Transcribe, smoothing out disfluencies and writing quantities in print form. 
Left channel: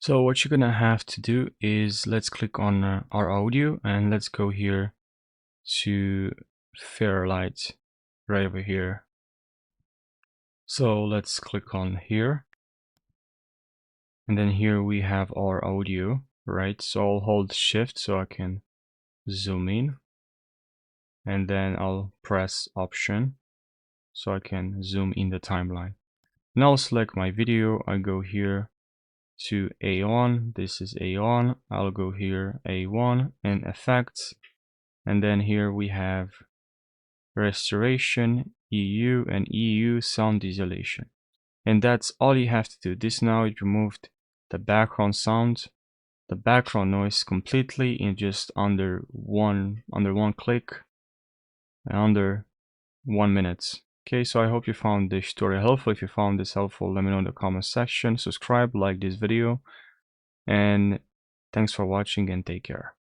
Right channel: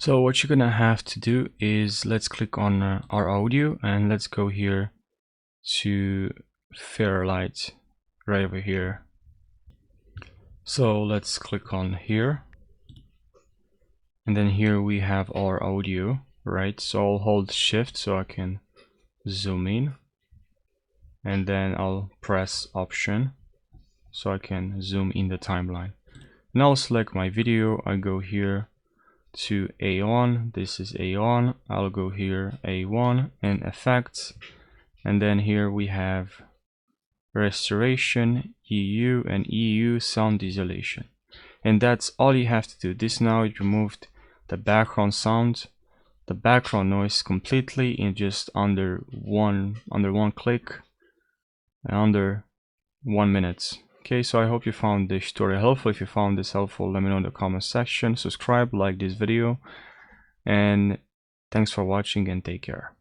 So what you're gonna have to do is let's click on our audio and let's go here to Fairlight right over here. So let's click on here, and then here we have our audio, right? So I'll hold shift so I can zoom in, and then I'll press option so I can zoom in the timeline. Now I'll select my video. I go here to A1. This is A1. I'll go here A1 and effects, and then here we have restoration, EU, and EU sound isolation. And that's all you have to do. This now it removed the background sound, the background noise completely in just under one click, under 1 minute. Okay, so I hope you found this tutorial helpful. If you found this helpful, let me know in the comment section. Subscribe, like this video, and thanks for watching and take care.